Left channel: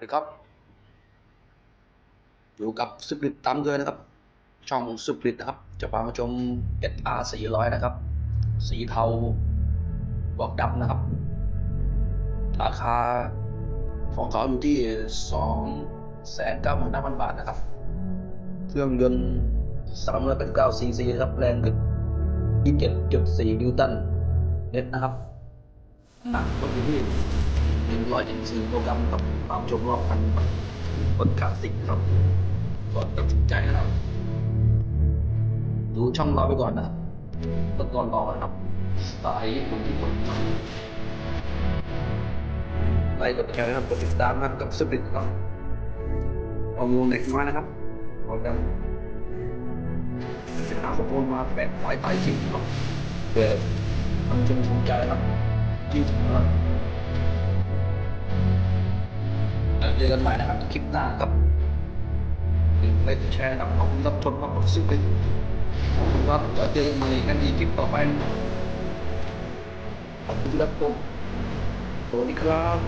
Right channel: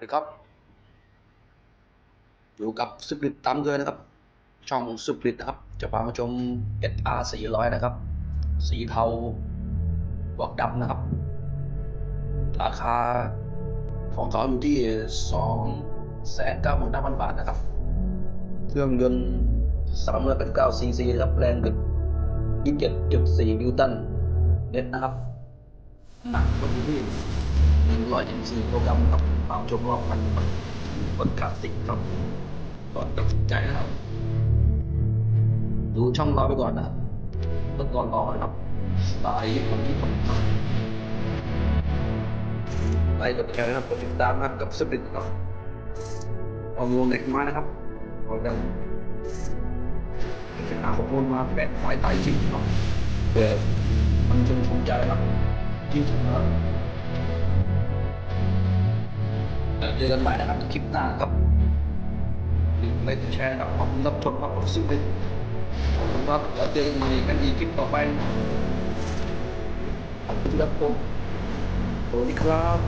วัสดีครับ อยู่กับสุกริตตามเกินนะครับ ช่องสุกริตนะครับ จะพามาชม SR 400 นะครับ สีเทาบวกดำนะครับ ราคาของเขาอยู่ที่ 2 9 9 0 0 0 บาทนะครับ เครื่องยนต์389 cc นะครับ แรงกึก27.4 นิวตันเน็ตนะครับ หนักก็อยู่ที่ 174กิโลกรมครับตามชมรอบพันบนคลาสสิกครับ ก่อนตัดสินใจนะครับ ดูช่องราไปก่อนนะครับรถก่อนรอนะครับสไตล์ญี่ปุ่นญี่ปุ่นครับไปกดแชร์นะครับกดติดตามนะครับกับสปิริตครับเอาวงเล็กน้อยนะครับเอาดังจะหาข้อมูลมาแปะไว้ใต้คลิปครับเพื่อมันจะภูมิใจครับจริงๆนะครับ แล้วเจอกันใหม่นะครับคลิปหน้าครับไม่แชร์นะครับขอบคุณรับชมครับซึ่งเป็นขอบคุณครับจะเจอกันใหม่กันอีกคลิปต่อไปขอบคุณครับผมสวัสดีครับ